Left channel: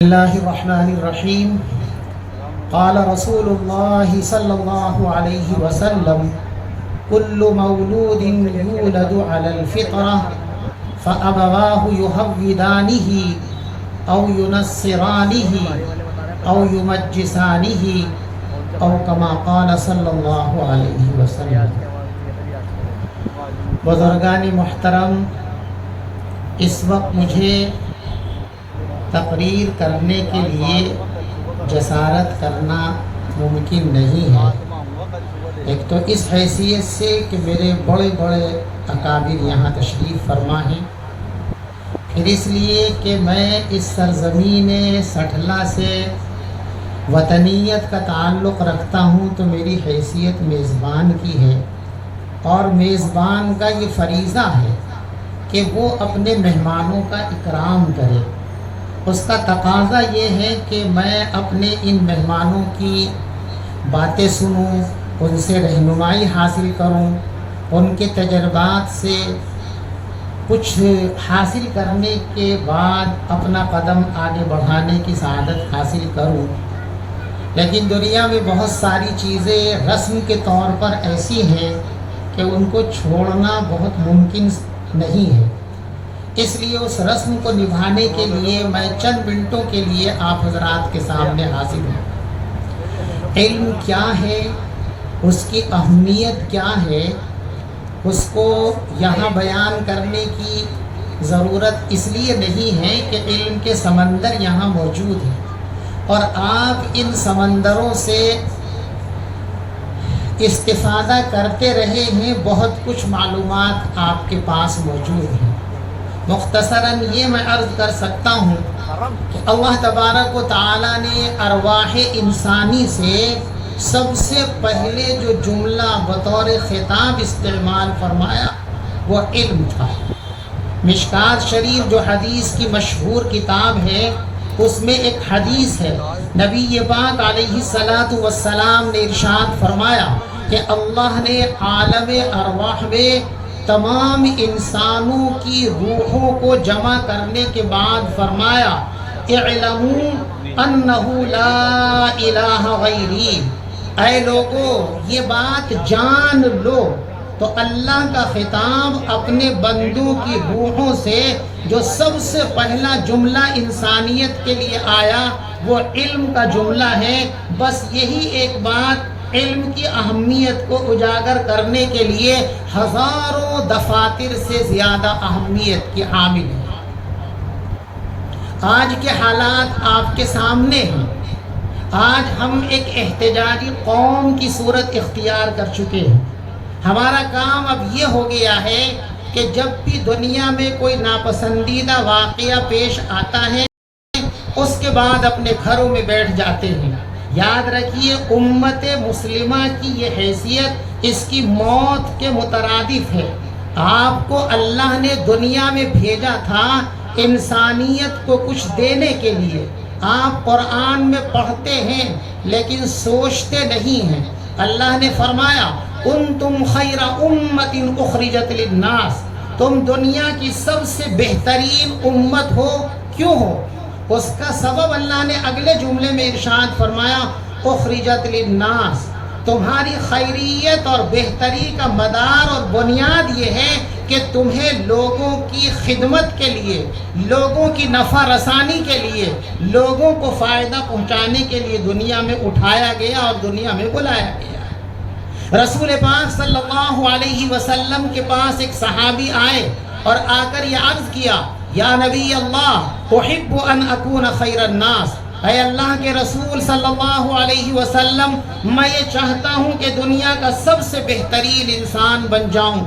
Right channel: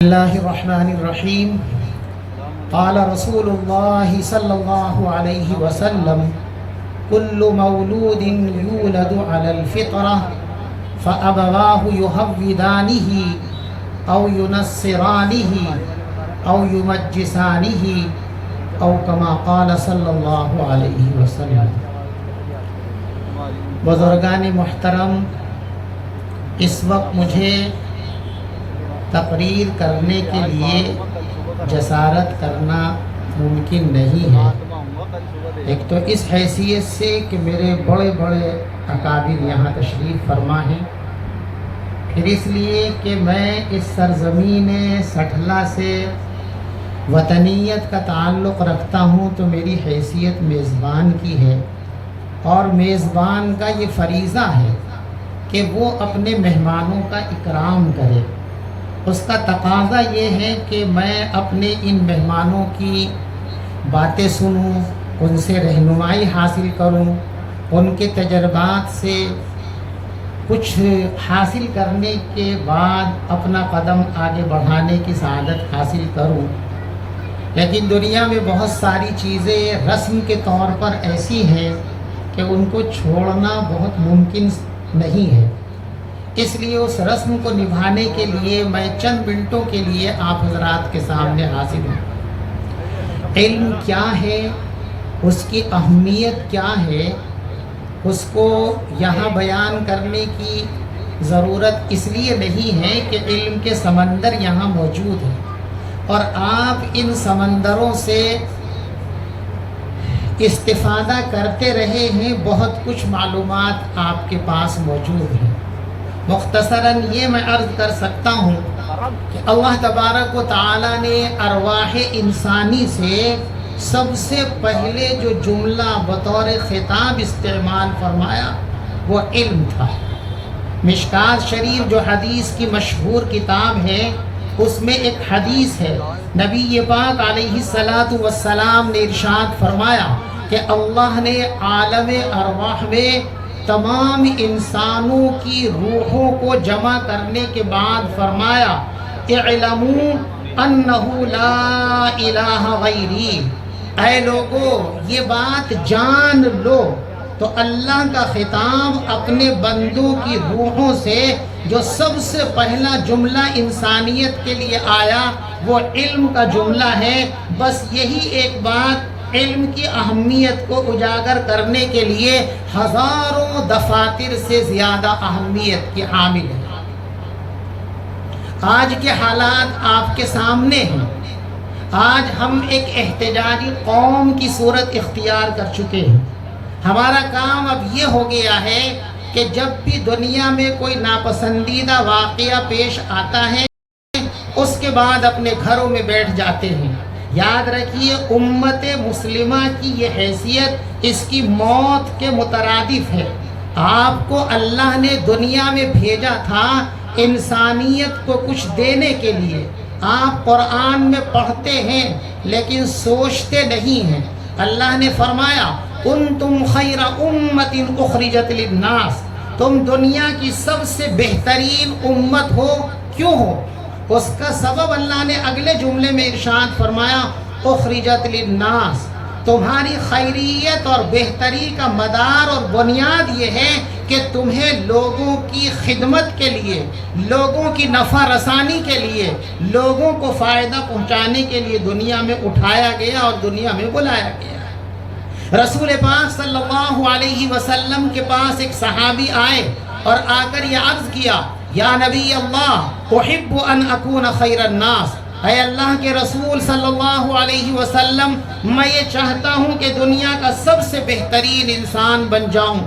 الله الرحمن الرحيم قال رسول الله صلى الله عليه وسلم كل مولود يولد على الفطرة فأبواه يهودانه أو ينصرانه أو يمجسانه أو كما قال صلى الله عليه وسلم. بزرگان محترم، اس وقت مجھے تقریر کرنے کے لیے جسارت کرنا ممکن نہیں ہے، ایک تو اس حیثیت سے کہ میرے بڑے بڑے اکابر یہاں تشریف فرما ہیں، پھر اس لیے کہ میں اس سرزمین سٹھلا سے وطنیت کا تعلق رکھتا ہوں، تو میری حیثیت میزبان کی ہے، اور میزبان کا یہ فریضہ ہے کہ وہ اپنے مہمانوں کا اکرام کرے۔ اس کا تقاضا یہ ہے کہ میں اپنے ان مہمانوں کی باتیں سنوں، ان سے رہنمائی حاصل کروں، ان کے تجربات سے کچھ حاصل کرنے کے بعد اپنا قدم آگے بڑھانے کی سعادت حاصل کروں۔ لیکن دنیا میں بہت ساری چیزیں رسم کے طور پر ایسی ہیں کہ ان کو چھوڑنا بہت ممکن نہیں ہے، اس لیے اس رسم کو نبھانے کے لیے میں چند منٹوں کے لیے آپ حضرات کے سامنے حاضر ہوں۔ علم کیا ہے، اس کی اہمیت کیا ہے، اس کو یہاں بیان کرنے کی ضرورت اس لیے نہیں ہے کہ علم کے سمندر یہاں موجود ہیں، اور آپ ان سمندروں سے استفادہ کرتے رہے ہیں، بہت کچھ معلومات آپ کے پاس موجود ہیں۔ مختصراً یہ میں عرض کر سکتا ہوں کہ اللہ تبارک و تعالیٰ نے ارواح انسانی سے سب سے پہلے جو جملہ بطور خطاب استعمال فرمایا وہ علم تھا۔ مشکات شریف جو حدیث کی مشہور کتاب ہے، اس میں ایک حدیث ہے، نبی پاک علیہ السلام نے ارشاد فرمایا کہ اللہ نے عالم ارواح میں تمام انسانوں کی روحوں کو جمع کرنے کے بعد فرمایا اعلموا انہ لا الہ غیری، اے لوگو یہ بات جان لو۔ تو اللہ کا خطاب اپنے بندوں کی روحوں سے جو سب سے پہلا جملہ انسانیت کے لیے آیا وہ علم کا جملہ ہے۔ بس یہی ایک بات علم کی اہمیت کو اجاگر کرنے کے لیے ہزاروں دفاتر سے زیادہ اہمیت کی حامل ہے۔ آج کے حالات آپ کے سامنے ہیں، آج ہم ایک احتجاجی قوم کی صورت اختیار کر چکے ہیں۔ ہمارا کام اب یہ ہو گیا ہے کہ جب بھی دنیا میں کوئی ناپسندیدہ واقعہ پیش آتا ہے اس کے بعد اپنے گھروں میں بیٹھ جاتے ہیں۔ یاد رکھیے امت مسلمہ کی یہ حیثیت اس کی موت کے مترادف ہے۔ آپ کو اللہ نے دنیا میں بھیجا تھا انسانیت کو کچھ دینے کے لیے۔ آپ قرآن میں پڑھتے ہیں لیکن سوچتے نہیں ہیں۔ اللہ نے فرمایا کنتم خیر امت اخرجت للناس، تم دنیا کی سب سے بہترین امت ہو۔ کیوں ہو؟ اس کا سبب اللہ نے اگلے جملے میں ارشاد فرمایا اخرجت للناس، تمہاری خیریت اور بہتری کا مدار اور بنیاد یہ ہے کہ تمہیں لوگوں کی خدمت کے لیے، لوگوں کی نفع رسانی کے لیے، لوگوں کو فائدہ پہنچانے کے لیے دنیا میں اٹھایا گیا اور دنیا میں بلایا گیا۔ رسول پاک صلی اللہ علیہ وسلم کے پاس ایک صحابی آئے اور آ کر یہ عرض کیا یا نبی اللہ احب ان اکون خیر الناس، اے اللہ کے رسول صلی اللہ علیہ وسلم میں یہ چاہتا ہوں کہ دنیا کا سب سے بہترین انسان بن جاؤں۔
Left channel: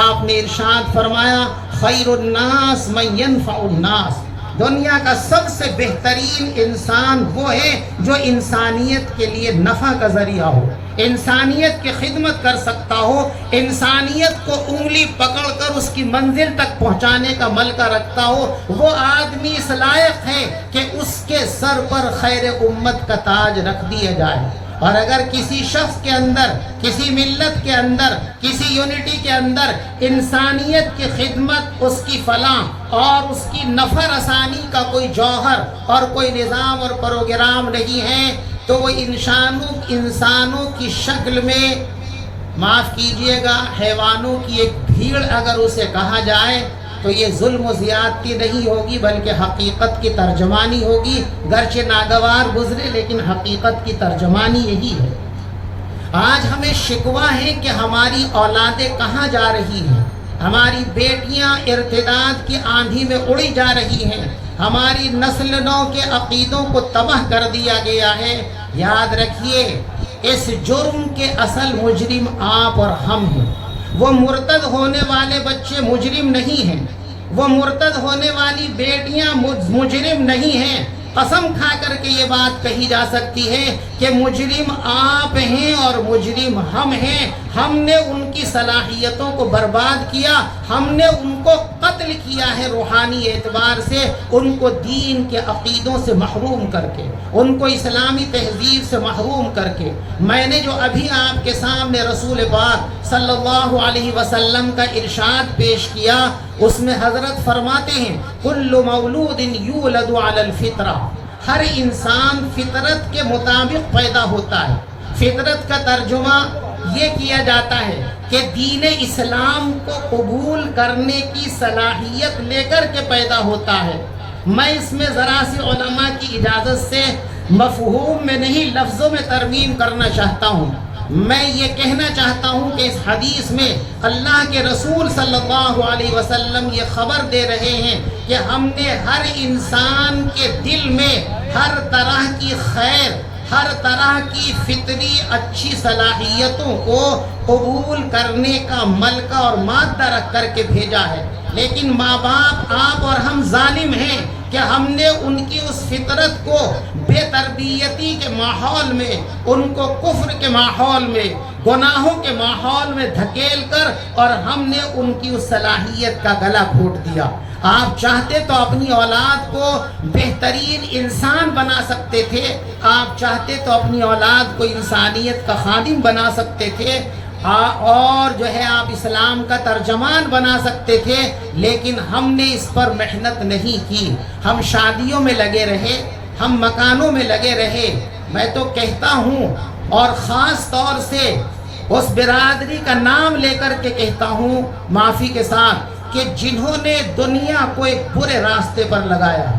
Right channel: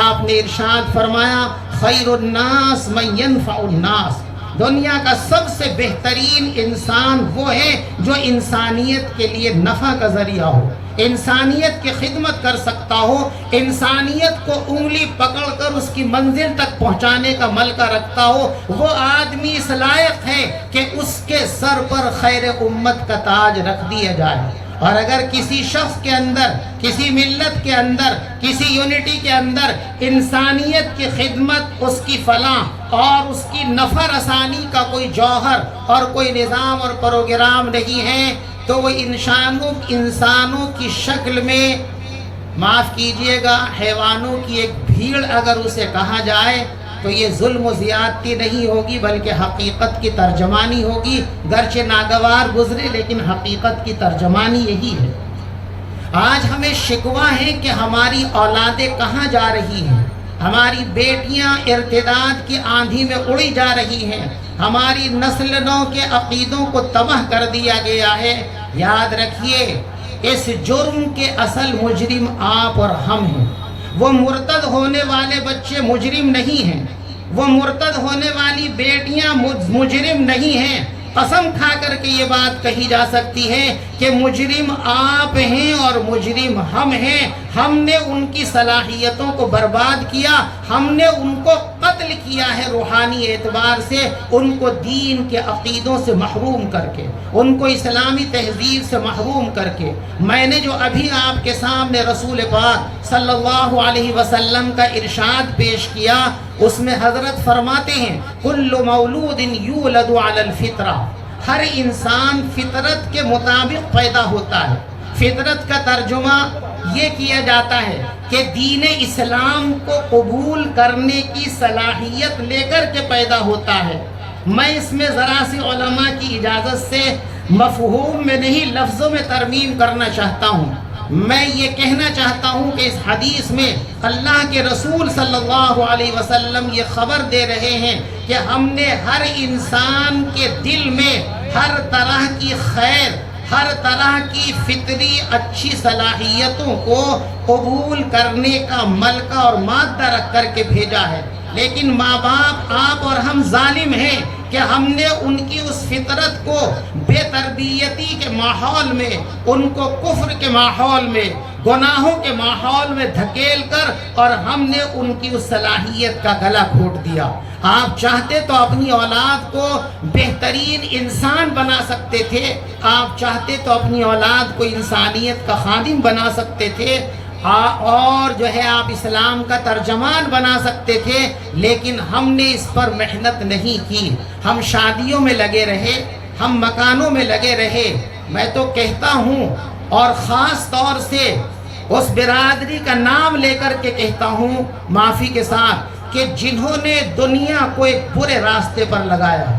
آپ نے ارشاد فرمایا خیر الناس من ینفع الناس، دنیا کا سب سے بہترین انسان وہ ہے جو انسانیت کے لیے نفع کا ذریعہ ہو، انسانیت کی خدمت کر سکتا ہو، انسانیت کو انگلی پکڑ کر اس کی منزل تک پہنچانے کا ملکہ رکھتا ہو۔ وہ آدمی اس لائق ہے کہ اس کے سر پر خیر امت کا تاج رکھ دیا جائے۔ اور اگر کسی شخص کے اندر، کسی ملت کے اندر، کسی یونٹی کے اندر انسانیت کی خدمت، اس کی فلاح اور اس کی نفع رسانی کا کوئی جوہر اور کوئی نظام اور پروگرام نہیں ہے، تو وہ انسانوں کی شکل میں، معاف کیجئے گا، حیوانوں کی ایک بھیڑ اگر اسے کہا جائے تو یہ ظلم و زیادتی نہیں ہوگی بلکہ حقیقت کی ترجمانی ہوگی، گرچہ ناگوار گزرے لیکن حقیقت کی ترجمانی یہی ہے۔ آج ہمیں شکوہ ہے کہ ہماری اولادیں کہاں جا رہی ہیں، ہماری بیٹیاں ارتداد کی آندھی میں اڑی جا رہی ہیں، ہماری نسل نو کے عقیدوں کو تباہ کر دیا گیا ہے۔ یاد رکھیے، اس جرم کے اصل مجرم آپ اور ہم ہیں۔ وہ مرتد ہونے والے بچے مجرم نہیں ہیں، وہ مرتد ہونے والی بیٹیاں مجرم نہیں ہیں۔ قسم کھا کر کے یہ بات کہی جا سکتی ہے کہ مجرم آپ ہیں اور مجرم ہم ہیں۔ ہم نے ان کی صلاحیتوں کو برباد کیا، ہم نے ان کو قتل کیا ہے روحانی اعتبار سے، ان کو دین کے عقیدوں سے محروم کر کے، ان کو اسلامی تہذیب سے محروم کر کے۔ میں نے جو ابھی آپ کے سامنے رسول پاک صلی اللہ علیہ وسلم کا ارشاد پیش کیا، اس میں حضرت فرماتے ہیں کل مولود یولد علی الفطرہ، ہر انسان فطرت کے مطابق پیدا ہوتا ہے۔ فطرت کا ترجمہ یہ کیا جاتا ہے کہ دین اسلام کو قبول کرنے کی صلاحیت لے کر کے پیدا ہوتا ہے۔ میں اس میں ذرا سی علماء کی اجازت سے مفہوم میں نہیں، لفظوں میں ترمیم کرنا چاہتا ہوں۔ میں یہ کہنا چاہتا ہوں کہ اس حدیث میں اللہ کے رسول صلی اللہ علیہ وسلم یہ خبر دے رہے ہیں کہ ہم نے ہر انسان کے دل میں ہر طرح کی خیر، ہر طرح کی فطری اچھی صلاحیتوں کو قبول کرنے کا ملکہ اور مادہ رکھ کر کے بھیجا ہے۔ لیکن ماں باپ، آپ اور ہم ظالم ہیں کہ ہم نے ان کی اس فطرت کو بے تربیتی کے ماحول میں، ان کو کفر کے ماحول میں، گناہوں کے ماحول میں دھکیل کر، اور ہم نے ان کی اس صلاحیت کا گلا گھونٹ دیا۔ آپ چاہتے تو اپنی اولاد کو بہترین انسان بنا سکتے تھے، آپ چاہتے تو اپنی اولاد کو انسانیت کا خادم بنا سکتے تھے، اور جو ہے آپ اسلام کا ترجمان بنا سکتے تھے، لیکن ہم نے اس پر محنت نہیں کی۔ ہم شادیوں میں لگے رہے، ہم مکانوں میں لگے رہے۔ میں تو کہتا ہوں، اور خاص طور سے اس برادری کا نام لے کر کے کہتا ہوں معافی کے ساتھ، کہ جنہوں نے دنیا کو ایک برے راستے پر لگایا ہے۔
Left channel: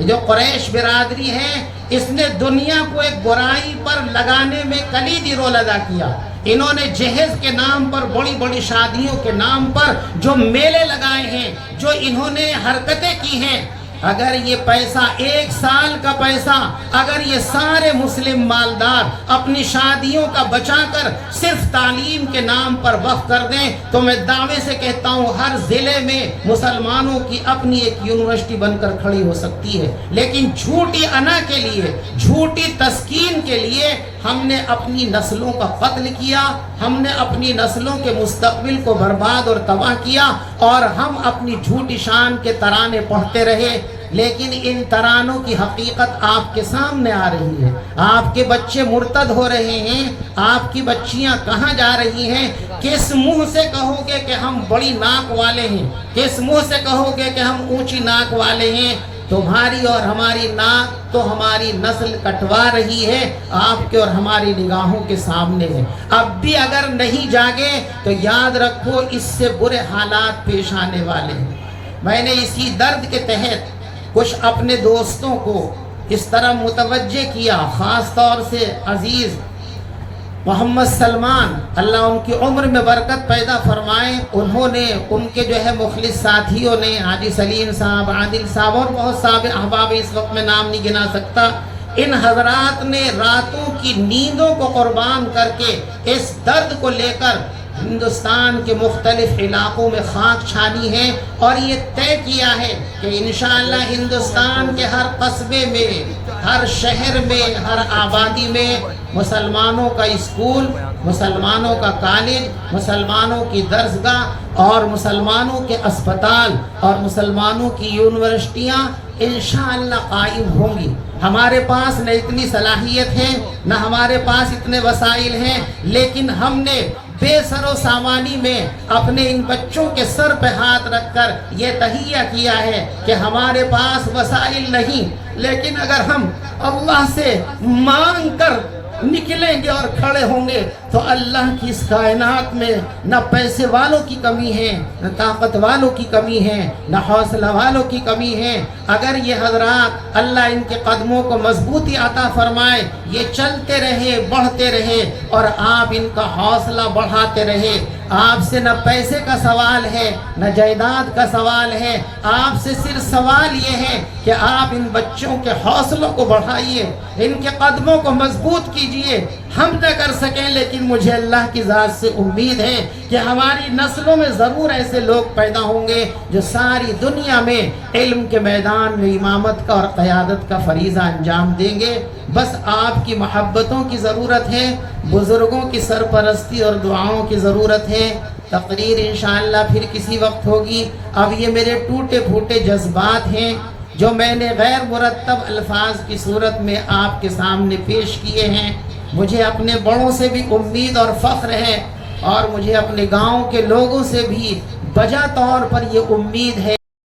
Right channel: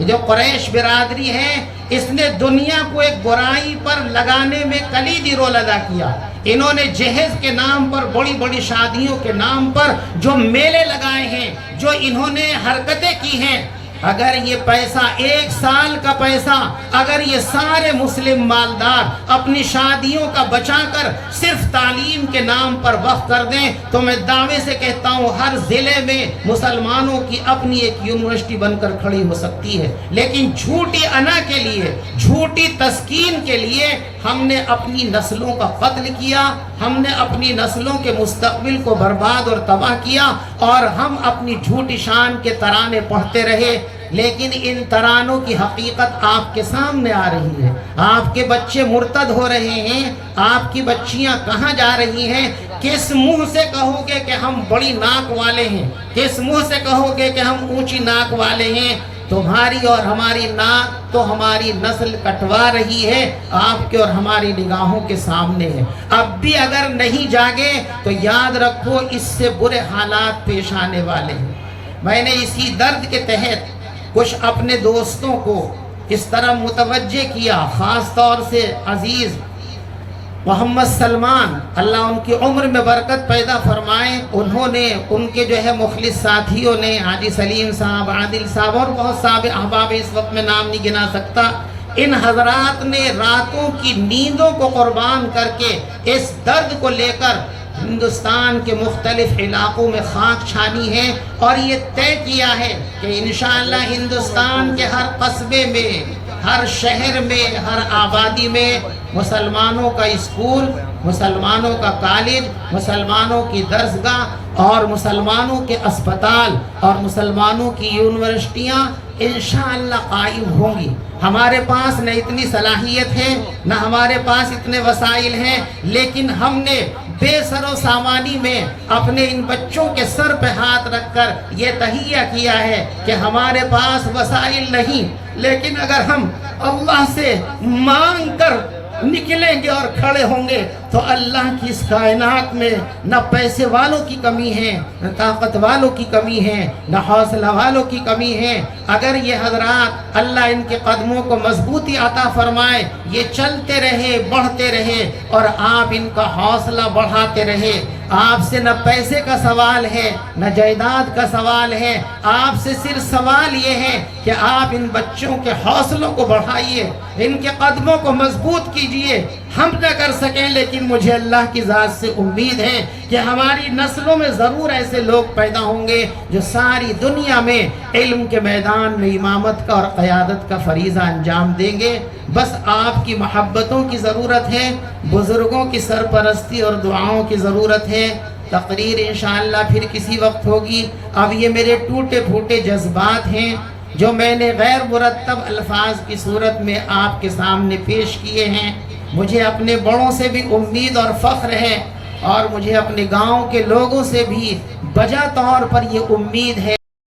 جو قریش برادری ہے، اس نے دنیا کو ایک برائی پر لگانے میں کلیدی رول ادا کیا۔ انہوں نے جہیز کے نام پر، بڑی بڑی شادیوں کے نام پر جو میلے لگائے ہیں، جو انہوں نے حرکتیں کی ہیں، اگر یہ پیسہ، ایک سال کا پیسہ، اگر یہ سارے مسلم مالدار اپنی شادیوں کا بچا کر صرف تعلیم کے نام پر وقف کر دیں تو میں دعوے سے کہتا ہوں ہر ضلع میں مسلمانوں کی اپنی ایک یونیورسٹی بن کر کھڑی ہو سکتی ہے۔ لیکن جھوٹی انا کے لیے، جھوٹی تسکین کے لیے ہم نے اپنی نسلوں کا قتل کیا، ہم نے اپنی نسلوں کے مستقبل کو برباد اور تباہ کیا، اور ہم اپنی جھوٹی شان کے ترانے پڑھتے رہے۔ لیکن ان ترانوں کی حقیقت آپ کے سامنے آ رہی ہے۔ آپ کے بچے مرتد ہو رہے ہیں، آپ کی بچیاں کہاں جا رہی ہیں؟ کس منہ سے کہو گے کہ ہم بڑی ناک والے ہیں؟ کس منہ سے کہو گے کہ ہم اونچی ناک والے ہیں؟ تمہاری اور ہماری ناک تو ہماری نسل کٹوا رہی ہے، آپ کے اور ہماری نگاہوں کے سامنے ہے۔ اب بھی اگر نہیں جاگے تو یاد رکھو اس سے برے حالات پیش آنے والے ہیں۔ میں نے اسی درد کے تحت کچھ اپنے دوستوں کو اس طرح متوجہ کیا، خاص طور سے عزیز محمد سلمان، اللہ ان کی عمر میں برکت پیدا فرمائے، انہوں نے، ان کے جو ہے مخلص ساتھیوں نے، حاجی سلیم صاحب، عادل صاحب اور بہت سارے احباب، اس وقت میں نام نہیں گنا سکتا، ان حضرات نے راتوں کی نیندوں کو قربان کر کے اس درد کو لے کر ہندوستان کے مختلف علاقوں میں خاک چھانی ہے، اور یہ طے کیا ہے کہ انشاءاللہ ہندوستان کے ہر قصبے میں، ہر شہر میں، ہر آبادی میں مسلمانوں کا اسکول، مسلمانوں کا کالج، مسلمانوں کی درسگاہ اور مسلمانوں کے اسپتال اور مسلمانوں کی یونیورسٹیاں انشاءاللہ قائم ہوں گی۔ ہمارے پاس نہ اتنی صلاحیت ہے، نہ ہمارے پاس اتنے وسائل ہیں، لیکن ہم نے بے سر و سامانی میں اپنے ان بچوں کے سر پہ ہاتھ رکھ کر یہ تہیہ کیا ہے کہ ہمارے پاس وسائل نہیں، لیکن اگر ہم اللہ سے مانگ کر نکلیں گے اور کھڑے ہوں گے تو اللہ کی اس کائنات میں نہ پیسے والوں کی کمی ہے، نہ طاقت والوں کی کمی ہے، نہ حوصلہ والوں کی کمی ہے۔ اگر یہ حضرات اللہ ان کے قدموں کو مضبوطی عطا فرمائے، یہ چلتے رہے، بڑھتے رہے اور آپ ان کا حوصلہ بڑھاتے رہے۔ آپ سے نہ پیسے کا سوال ہے، نہ جائیداد کا سوال ہے، آپ سے صرف سوال یہ ہے کہ آپ ان بچوں کے حوصلوں کو بڑھائیے، ان کے قدموں کو مضبوط کیجئے۔ ہم نہ کر سکیں، لیکن مجھے اللہ کی ذات سے امید ہے کہ ہماری نسلوں میں ضرور ایسے لوگ پیدا ہوں گے جو ساری دنیا میں علم کے میدان میں امامت کا اور قیادت کا فریضہ انجام دیں گے۔ بس آپ کی محبتوں کی ضرورت ہے، بزرگوں کی سرپرستی اور دعاؤں کی ضرورت ہے۔ تقریر انشاءاللہ پھر کسی وقت ہوگی۔ اب یہ میرے ٹوٹے پھوٹے جذبات ہیں جو میں نے غیر مرتب الفاظ کی صورت میں آپ کے سامنے پیش کیے ہیں۔ مجھے اپنے بڑوں سے بھی امید اور فخر ہے، اور مجھے اپنے گاؤں کے لوگوں سے بھی بجا طور پر یہ امید ہے۔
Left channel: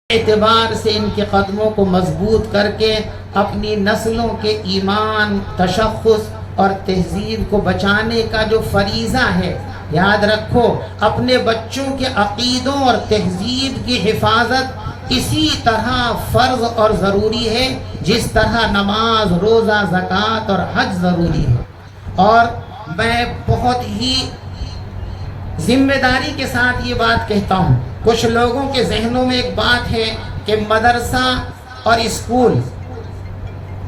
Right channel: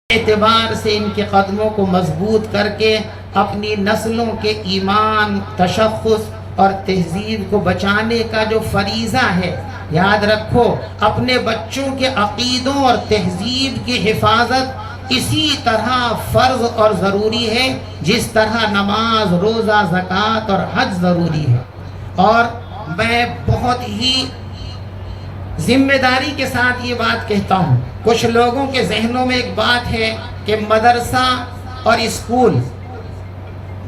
اعتبار سے ان کے قدموں کو مضبوط کر کے اپنی نسلوں کے ایمان، تشخص اور تہذیب کو بچانے کا جو فریضہ ہے، یاد رکھو اپنے بچوں کے عقیدوں اور تہذیب کی حفاظت اسی طرح فرض اور ضروری ہے جس طرح نماز، روزہ، زکوٰۃ اور حج ضروری ہے۔ اور میں بہت ہی ذمہ داری کے ساتھ یہ بات کہتا ہوں، کچھ لوگوں کے ذہنوں میں ایک بات ہے کہ مدرسہ اور اسکول،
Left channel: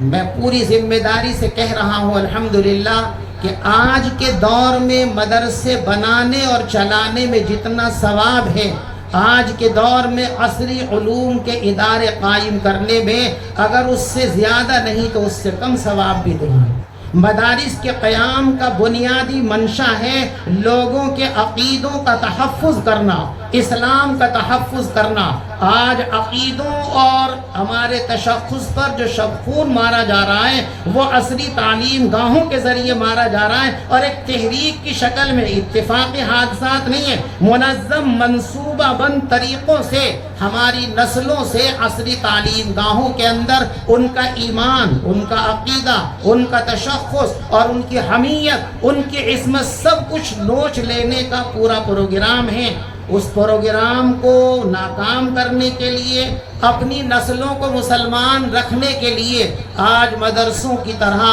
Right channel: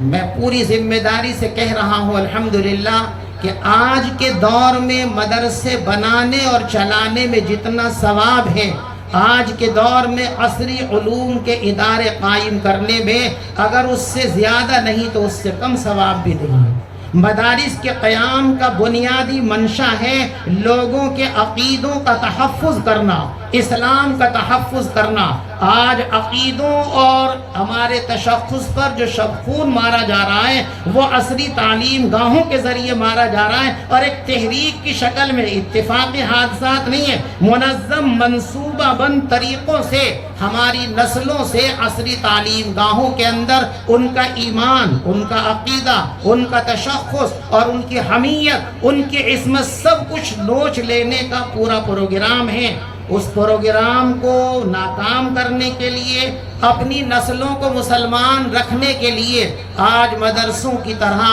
میں پوری ذمہ داری سے کہہ رہا ہوں الحمدللہ کہ آج کے دور میں مدرسے بنانے اور چلانے میں جتنا ثواب ہے، آج کے دور میں عصری علوم کے ادارے قائم کرنے میں اگر اس سے زیادہ نہیں تو اس سے کم ثواب بھی نہیں ہے۔ مدارس کے قیام کا بنیادی منشا ہے لوگوں کے عقیدوں کا تحفظ کرنا، اسلام کا تحفظ کرنا۔ آج عقیدوں اور ہمارے تشخص پر جو شب خون مارا جا رہا ہے وہ عصری تعلیم گاہوں کے ذریعے مارا جا رہا ہے، اور ایک تحریک کی شکل میں، اتفاقی حادثات نہیں ہے، منظم منصوبہ بند طریقوں سے ہماری نسلوں سے عصری تعلیم گاہوں کے اندر ان کا ایمان، ان کا عقیدہ، ان کا تشخص اور ان کی حمیت، ان کی عصمت سب کچھ نوچ لینے کا پورا پروگرام ہے۔ اس پروگرام کو ناکام کرنے کے لیے، اپنی نسلوں کو مسلمان رکھنے کے لیے آج مدرسوں کی طرح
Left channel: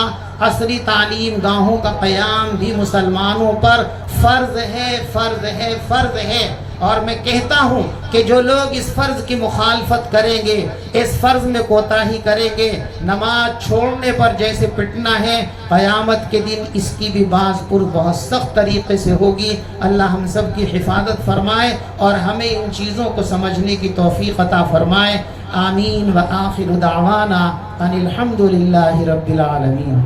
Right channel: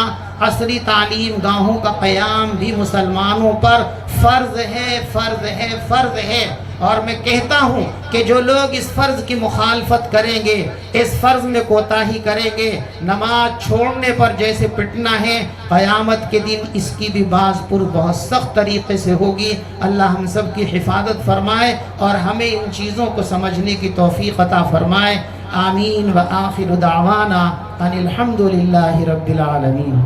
عصری تعلیم گاہوں کا قیام بھی مسلمانوں پر فرض ہے، فرض ہے، فرض ہے۔ اور میں کہتا ہوں کہ جو لوگ اس فرض کی مخالفت کریں گے، اس فرض میں کوتاہی کریں گے، نماز چھوڑنے پر جیسے پٹنا ہے، قیامت کے دن اس کی بھی باز پر بہت سخت طریقے سے ہوگی۔ اللہ ہم سب کی حفاظت فرمائے اور ہمیں ان چیزوں کو سمجھنے کی توفیق عطا فرمائے۔ آمین۔ وآخر دعوانا ان الحمد للہ رب العالمین۔